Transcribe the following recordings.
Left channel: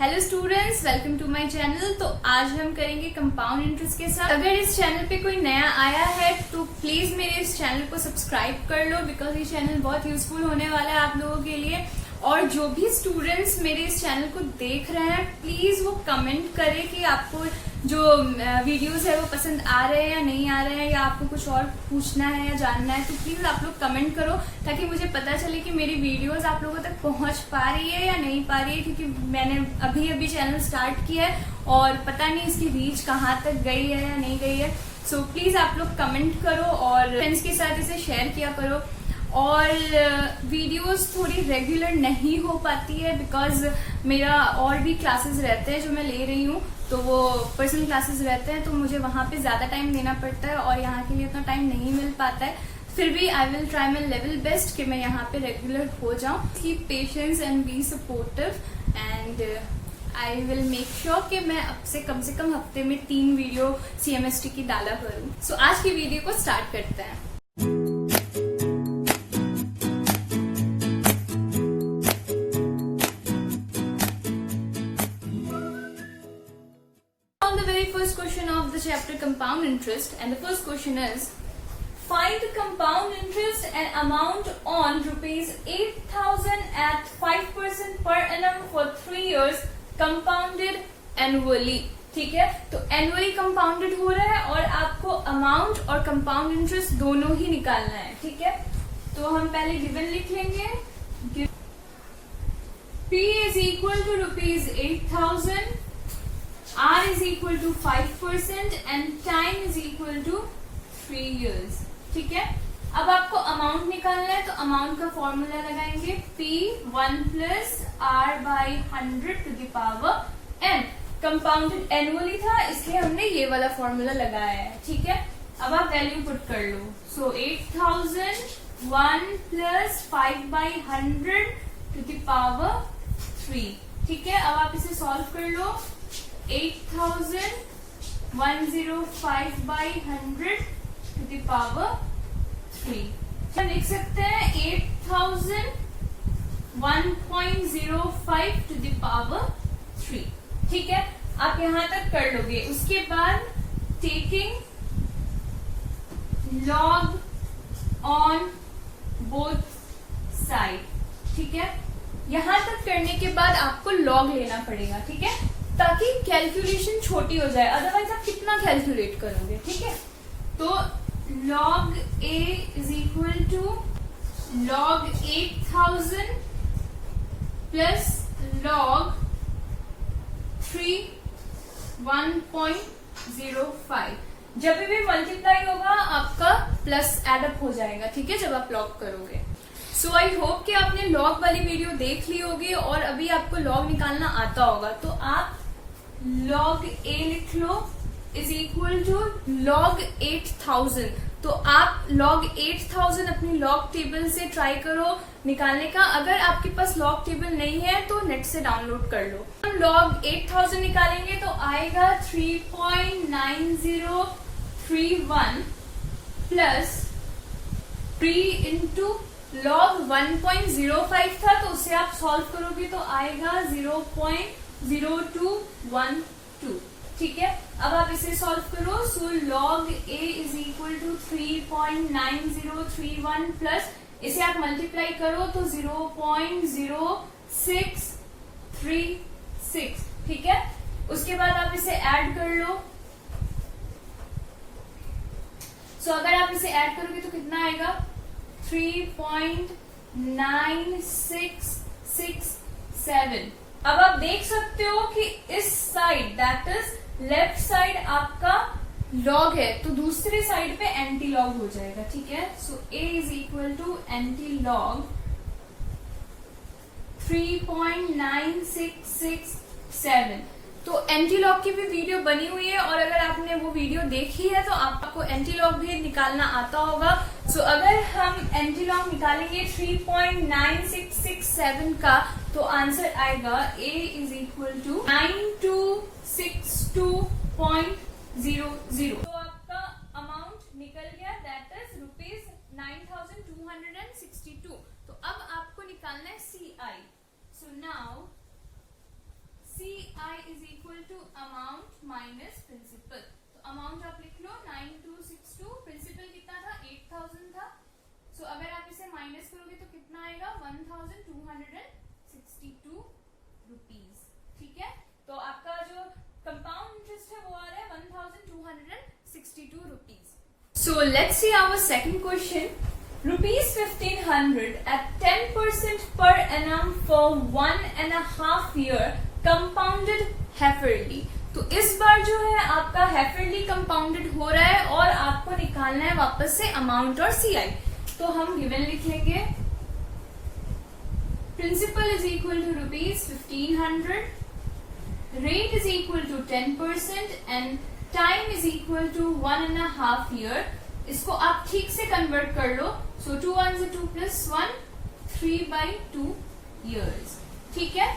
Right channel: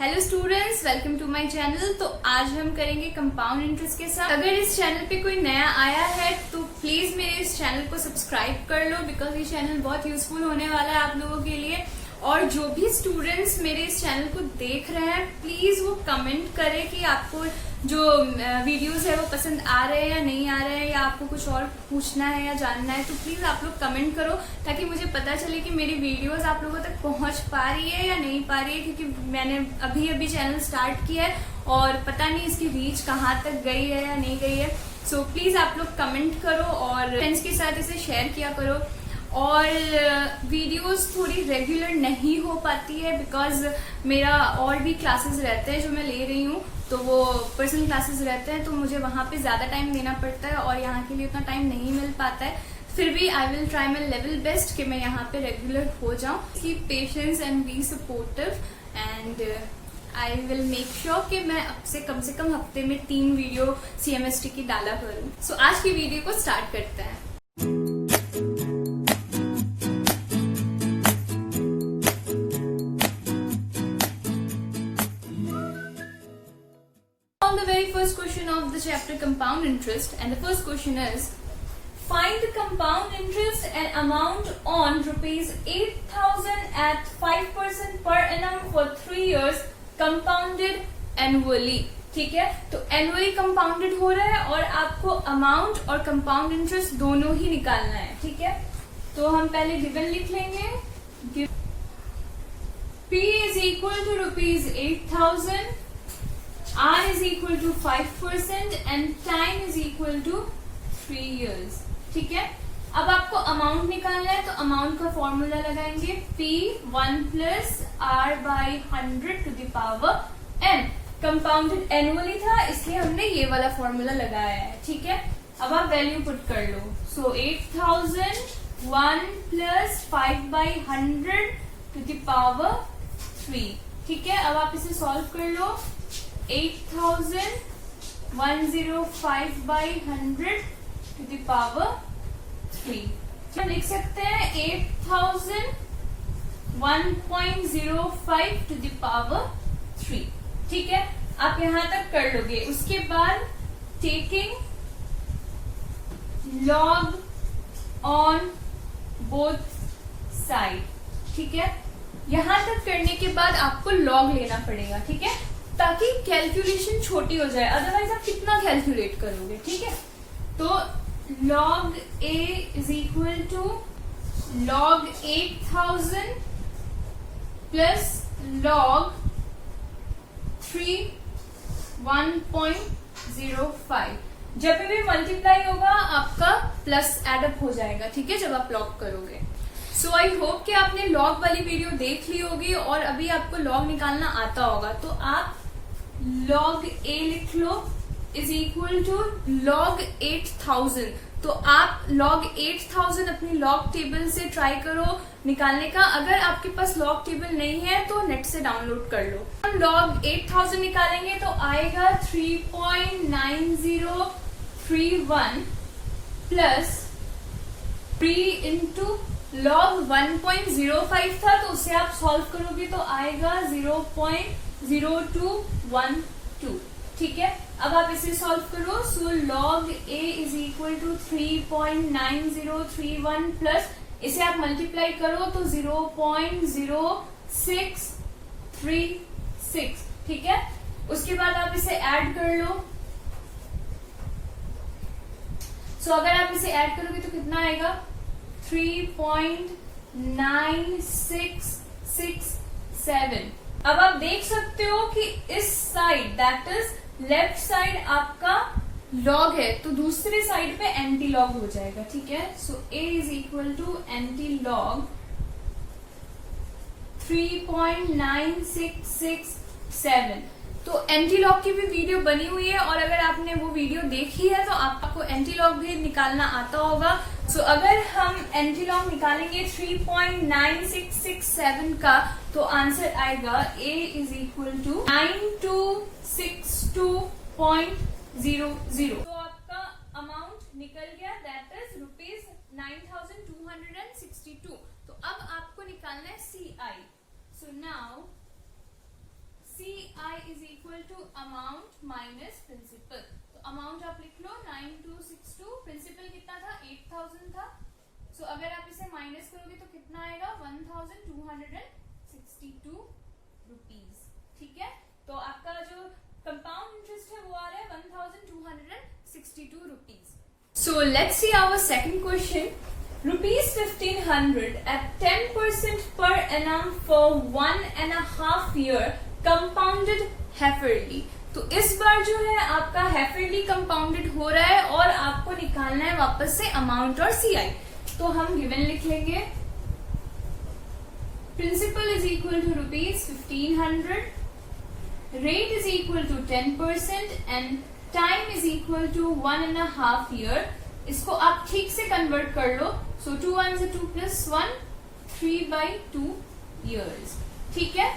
Hello students, welcome to my channel. तो आज हम करेंगे कंपाउंड इंटरेस्ट के साथ। अगर इस चैनल पे कोई नया आया है तो प्लीज मेरे इस चैनल को सब्सक्राइब कर लो, बिकॉज ये चैनल बहुत यूजफुल होने वाला है आप लोगों के लिए। और जो भी स्टूडेंट्स मेरे इस चैनल को देख रहे हैं प्लीज वो कमेंट करें कि आपको जो वीडियोस है वो पसंद आ रहे हैं या नहीं आ रहे हैं, या आपको कुछ और पूछना है या जानना है तो प्लीज आप लोग कमेंट करो, ताकि मुझे पता चले कि मेरी वीडियोस आप लोगों तक पहुंच पा रही है या नहीं पा रही है। क्योंकि मैंने अभी चैनल स्टार्ट किया है और पता नहीं इसकी रीच कहाँ तक गई है या नहीं गई है। सो प्लीज आप लोग कमेंट करो और फ्रेंड्स के साथ इसे शेयर किया करो। और वीडियोस थोड़ी रेगुलर नहीं हो पाती है बिकॉज मेरा और भी क्लासेस रहते हैं जो मैं ले रही हूँ, तो वो पर्सनल क्लासेस रहते हैं, तो मुझे वहां पे ज्यादा टाइम देना पड़ता है और यहाँ के लिए उतना टाइम नहीं मिल पाता है। फिर भी I will try my level best कि मैं यहाँ पे रेगुलर हो जाऊँ। Keep patience and be supportive and I will make sure कि मैं अब से कम हफ्ते में 3 वीडियो CMST की डाला करूँ। सो आज की वीडियो को स्टार्ट करते हैं। The very first question of the chapter compound interest, and the first question is find the compound interest and amount on rupees 8,000 at 5% per annum for 3 years compounded annually। ठीक है, तो annually compounded हो रहा है और आपको amount और compound interest दोनों ही निकालना है। ठीक है, तो हम पहले गिवन लिख लेंगे। P is equal to rupees 8,000, R is equal to 5% and time is equal to 3 years। ठीक है, अब आपको अमाउंट निकालना है तो अमाउंट का फॉर्मूला लगाएंगे P 1 plus R by 100 to the power n। Compounded annually था इसलिए हमने ये वाला फॉर्मूला लगाया है। ठीक है, अब आप वैल्यू पुट कर लो। सो 8,000 1 plus 5 by 100 to the power 3। ठीक है, अब आप इसे सॉल्व कर लो। 8,000 105 by 100 to the power 3। क्या लिख सकते हैं? 8,000 1.05 to the power 3। ठीक है, आप यहां तक कर लोगे। उसके बाद taking log on both side. ठीक है, यहां तक करने के बाद आपको लॉग लेना पड़ेगा। ठीक है, ताकि कैलकुलेशन छोटी हो जाए, अदरवाइज आप कितना कैलकुलेट करोगे। ठीक है, तो log A is equal to log 8,000 plus log 3 1.05। जब भी मल्टीप्लाई होगा आपका प्लस एडअप हो जाएगा। ठीक है, जब आप लॉग करोगे। सो आई होप कि आपने लॉग वाली वीडियो देख ली होगी और अभी आपको लॉग निकालना आता होगा। तो आप log A लिख लो इज इक्वल टू log 8,000। तो आप log 8,000 अपनी लॉग टेबल से ट्राई करो निकालने का। अगर आपके पास लॉग टेबल नहीं है तो नेट से डाउनलोड कर लो। हम log 8,000 निकालेंगे तो आएगा 3.9031 प्लस 3 इंटू log 1.05 था, तो उसे आप सॉल्व करोगे तो आएगा 0.0212। ठीक है, अब आप इसे सॉल्व करो। So log A is equal to 3.9031 plus इसे आप मल्टीप्लाई करो तो 0.0636। ठीक है, उसके बाद आप इसे ऐड कर लो। सो अगर आप इसे ऐड करोगे तो कितना आएगा? 3.9667। अब आप देख सकते हो कि इस side that is left side आपका लॉग है तो दूसरे साइड पे एंटी लॉग हो जाएगा। ठीक है, so A is equal to anti log 3.9667। तो एंटी लॉग की भी वीडियो बनी हुई है और अगर आपने वो वीडियो देखी है तो आपको एंटी लॉग भी निकालना आता होगा। सो अगर हम एंटी लॉग निकालेंगे 3.9667 का तो आंसर आएगा A इज इक्वल टू 9262.00। तो आपका अमाउंट निकल गया, दैट इज ₹9,262। तो अब आपको निकालना है CI। So now CI equal to amount minus principal. तो अमाउंट आप लिख लो 9262, प्रिंसिपल कितना था 8000 था। सो अगर आप इसे माइनस करोगे तो कितना आएगा 1262 रुपीज। ठीक है, तो आपका जो कंपाउंड इंटरेस्ट है वो आ रहा है 1262 rupees. So let's see our second question. ₹1500 at 10% per annum for 1.5 year compounded haphazardly। तो इस बार जो है आपका haphazardly compounded हो रहा है और आपको निकालना है वापस से अमाउंट और CI। तो हम गिवन लिख लेंगे, principal is equal to ₹1500, rate is equal to 10% and time is equal to 1.5 year। इसको आप ठीक से कन्वर्ट कर लो। सो 2 1 2 + 1 3/2 years। ठीक है,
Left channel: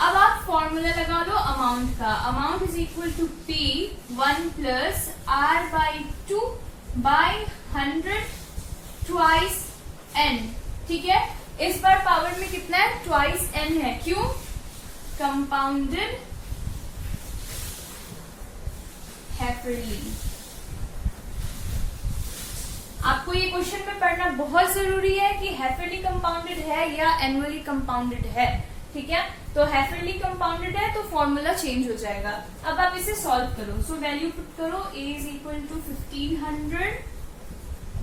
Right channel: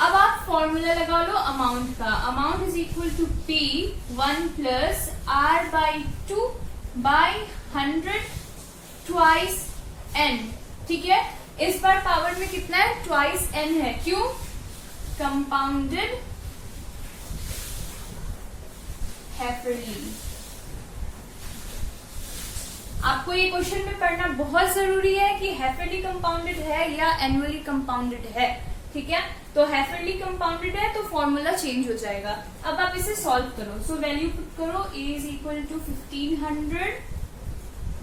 अब आप फॉर्मूला लगा लो अमाउंट का। Amount is equal to P1 + R/2 by 100 twice n। ठीक है, इस बार पावर में कितना है ट्वाइस n है। क्यों? कंपाउंडेड हैफरली। आपको ये क्वेश्चन में पढ़ना बहुत जरूरी है कि हैफरली कंपाउंडेड है या एनुअली कंपाउंडेड है। ठीक है, तो हैफरली कंपाउंडेड है तो फॉर्मूला चेंज हो जाएगा। अब आप इसे सॉल्व करो। सो वैल्यू पुट करो, a is equal to 1500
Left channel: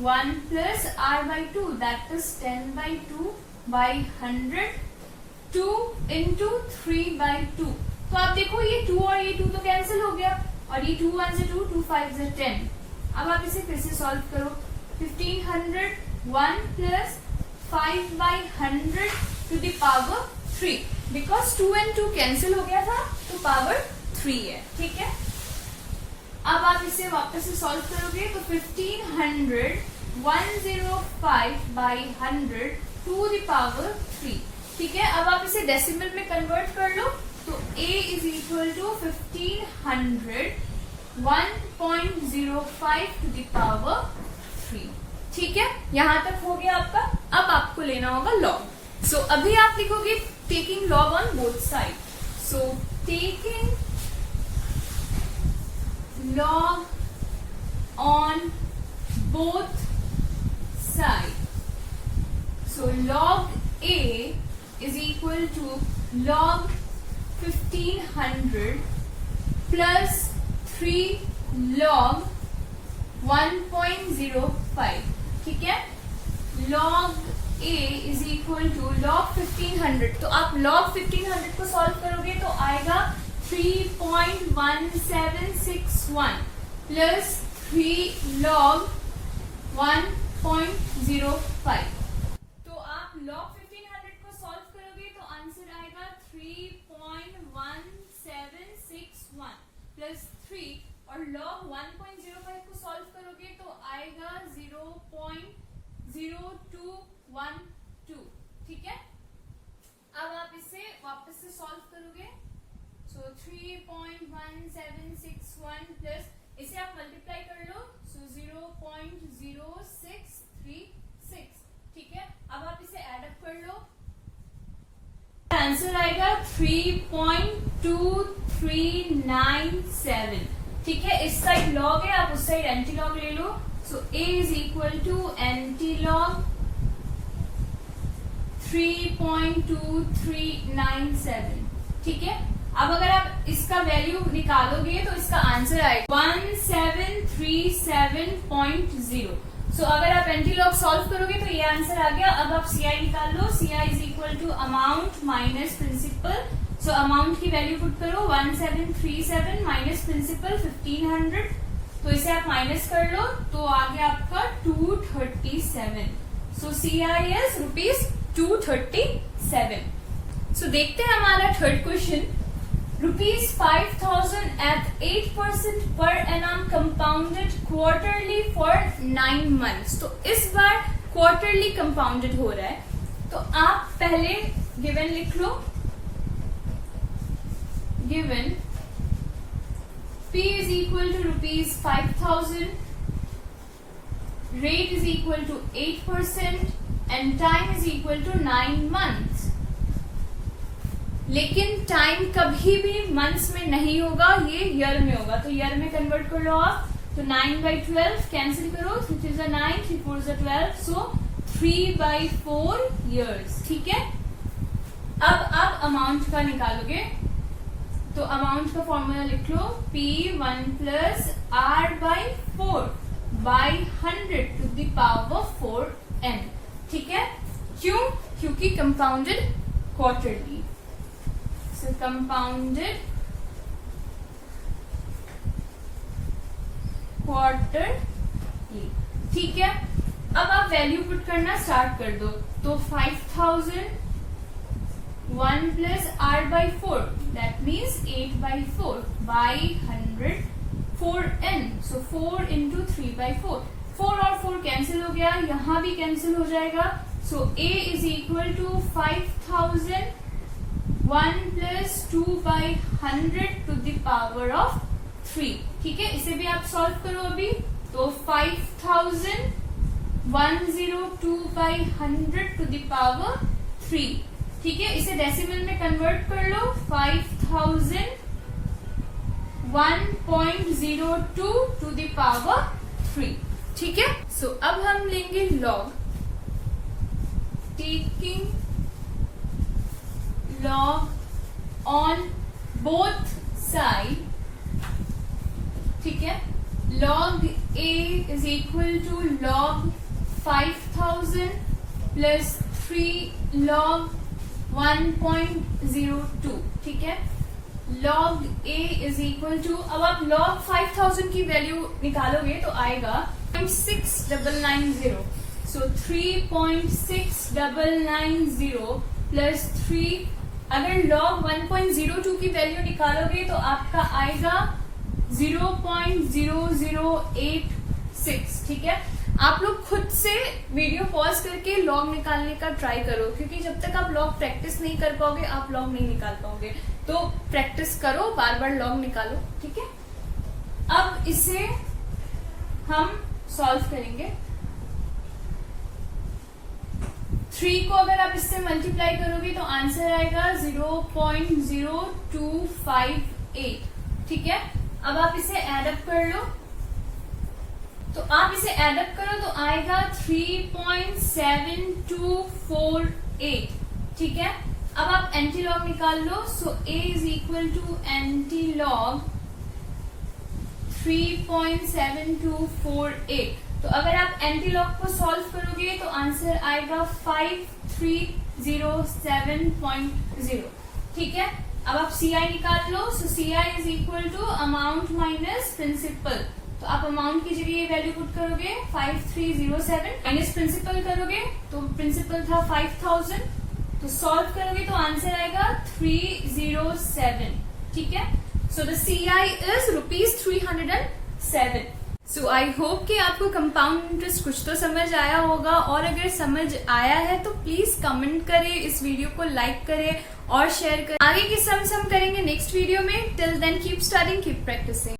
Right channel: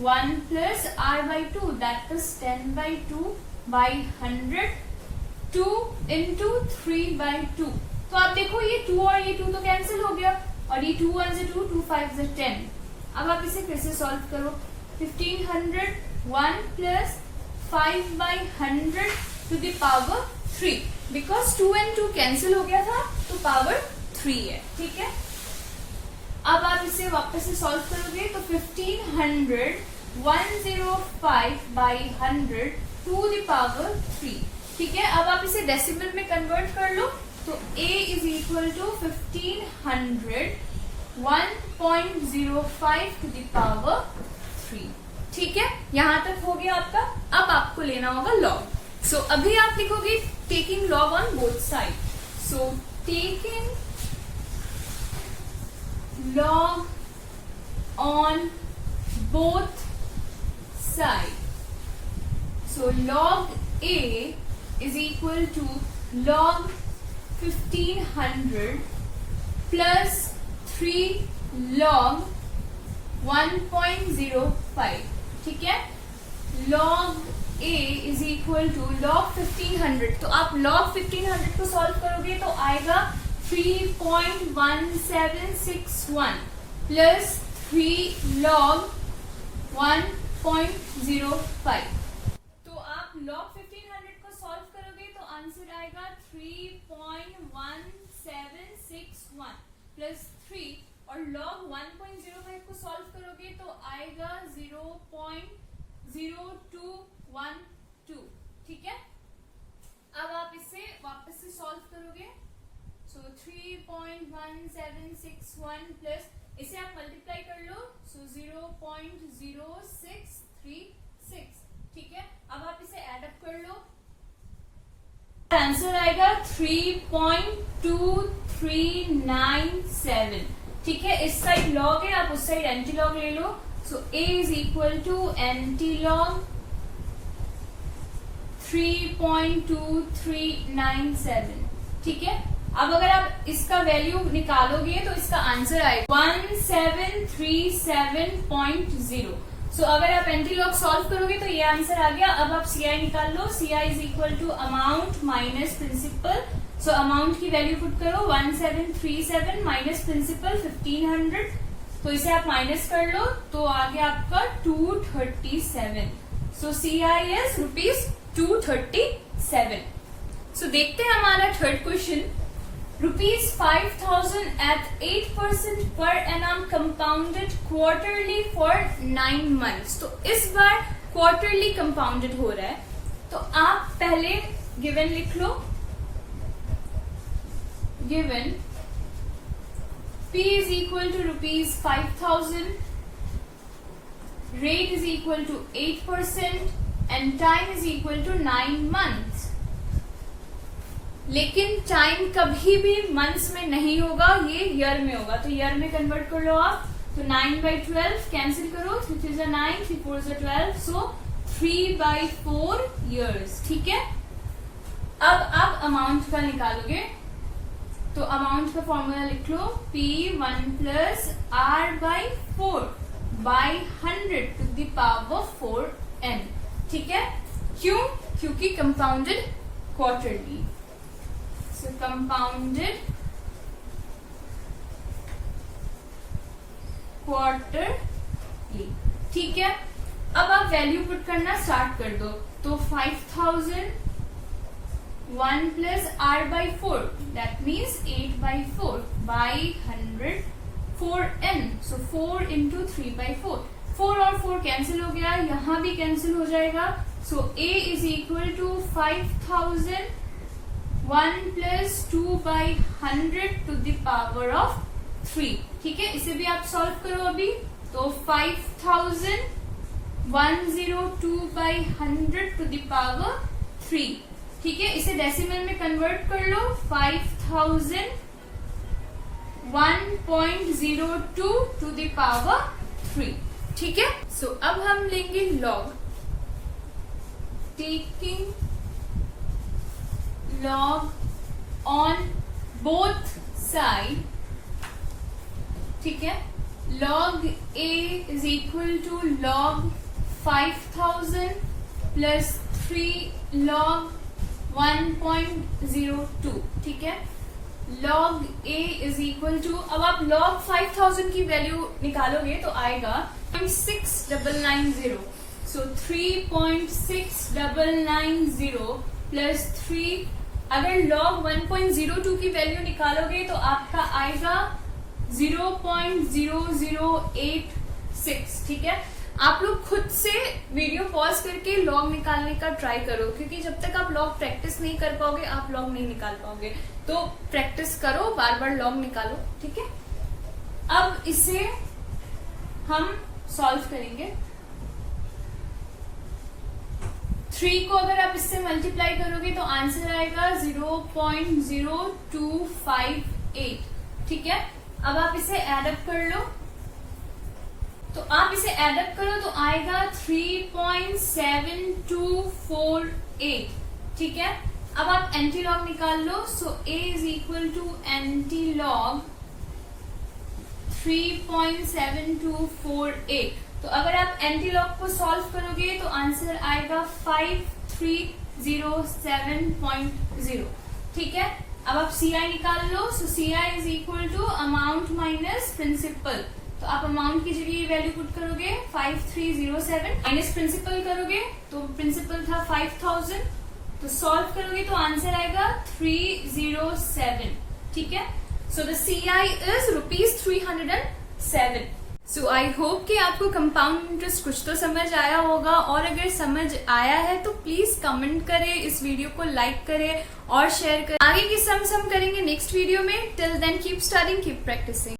1 + R/2 that is 10/2 by 100 2 into 3/2। तो आप देखो ये 2 और ये 2 तो कैंसिल हो गया और ये 2 1 2 2 5 10। अब आप इसे फिर से सॉल्व करो। 1500 1 + 5/100 to the power 3 because 2 and 2 cancel हो गया था तो पावर 3 है। ठीक है, अब आप इसे वापस से सॉल्व करोगे तो 1500 105/100 to the power 3। ठीक है, अब आप इसे डेसिमल में कन्वर्ट कर लो तो a is equal to 1500 1.05 to the power 3। ठीक है, यहां तक हो गया आपका। अब आपको लेना होगा लॉग। सो अभी आप लिखोगे taking log on both side. So taking log on both sides। So log A is equal to log 1500 plus 3 log 1.05। ठीक है, log A is equal to log 1500। तो आप log 1500 को सॉल्व करोगे तो आएगा 3.1761 plus 3 log 1.05। तो आप log 1500 को सॉल्व करोगे तो आंसर आएगा 3.1761 plus 3 और log 1.05 को सॉल्व करोगे तो आएगा 0.0212। ठीक है, अब आप इसे वापस से सॉल्व करोगे। सो 3.1761 प्लस इसे आप मल्टीप्लाई कर लो। सो 0.0636। ठीक है, अब आप इसे एड अप कर लो, आंसर आएगा 3.2397। ठीक है, इस साइड लॉग है, आप उस साइड एंटी लॉग ले लो। So a is equal to anti log 3.2397। ठीक है, अब अगर आप इसका वैल्यू निकालोगे तो इसका आंसर आएगा 1737.0। सो अगर आप एंटी लॉग सॉल्व करोगे तो ये आंसर आ गया। अब आप CI निकाल लो। CI is equal to amount minus principal. So amount की वैल्यू पुट करो 1737 माइनस प्रिंसिपल 1500। तो इसे आप माइनस कर लो तो आ गया आपका 237। सो CI इज ₹237। सो देखते हैं हमारा third question. ₹5000 at 8% per annum compounded quarterly for 9 months। तो इस बार क्वार्टरली कंपाउंडेड हो रहा है। तो आप पहले गिवन लिख लो। Given P is equal to ₹5000, rate is equal to 8% and time is equal to 9 months। लेकिन टाइम कभी भी मंथ्स में नहीं होगा, ये ईयर में होगा। तो ईयर में कन्वर्ट कर लो आप। तो 9/12 कैंसिल करो, 3 3 जा 9, 3 4 जा 12, सो 3/4 years। ठीक है, अब आप अमाउंट का निकालोगे तो अमाउंट का फॉर्मूला लिख लो, P1 + R/4 by 100 to the power 4n। ठीक है, क्यों? क्योंकि कंपाउंडेड क्वार्टरली, सो कंपाउंडेड क्वार्टरली। ठीक है, अब आप वैल्यू पुट करना स्टार्ट कर दो। तो 5000 1 + R/4 that means 8/4 by 100 4n, so 4 × 3/4। 4 और 4 कैंसिल हो गया, यहां भी कैंसिल हो जाएगा। सो A = 5000 1 + 2/100 to the power of 3। ठीक है, इसे भी आप सॉल्व करो अभी। तो 5000 102/100 to the power 3। ठीक है, इसे डेसिमल में कन्वर्ट कर लो, 5000 1.02 to the power 3। ठीक है, सो अब हम लेंगे log, taking log on both side. ठीक है, log A = log 5000 + 3 log 1.02। ठीक है, log A = अब आप log 5000 की वैल्यू निकालोगे तो आएगा 3.6990। सो 3.6990 + 3, अगर log 1.02 की वैल्यू निकालोगे तो आपका आएगा 0.0086। ठीक है, आप लोग खुद से वीडियो पॉज करके लॉग निकालने का ट्राई करो, क्योंकि जब तक आप लॉग प्रैक्टिस नहीं कर पाओगे आप लॉग नहीं निकाल पाओगे। तो प्रैक्टिस करो, बार बार लॉग निकालो। ठीक है, अब इसे हम सॉल्व करेंगे। 3 को अगर आप इससे मल्टीप्लाई करोगे तो आंसर आएगा 0.0258। ठीक है, अब आप इसे एडअप कर लो। तो आप इसे एडअप करो तो आएगा 3.7248। ठीक है, अब आप एंटीलॉग निकाल लो। So A = antilog 3.7248। तो अगर आप एंटीलॉग को सॉल्व करोगे तो आंसर आएगा 5307.0। ठीक है, अब आप CI निकाल लो। सो CI = अमाउंट माइनस प्रिंसिपल। तो आप अमाउंट की जगह ये वैल्यू पुट करोगे 5307, माइनस प्रिंसिपल करोगे तो प्रिंसिपल था 5000, तो सॉल्व करोगे तो आंसर आएगा 307। ठीक है, so the CI is ₹307। So I hope कि आपको कंपाउंड इंटरेस्ट कुछ तो समझ आया होगा, और अगर समझ आया है तो प्लीज कमेंट करें, इस वीडियो को लाइक करें और शेयर करें। आगे की सम करेंगे नेक्स्ट वीडियो में। Till then keep studying, keep practising.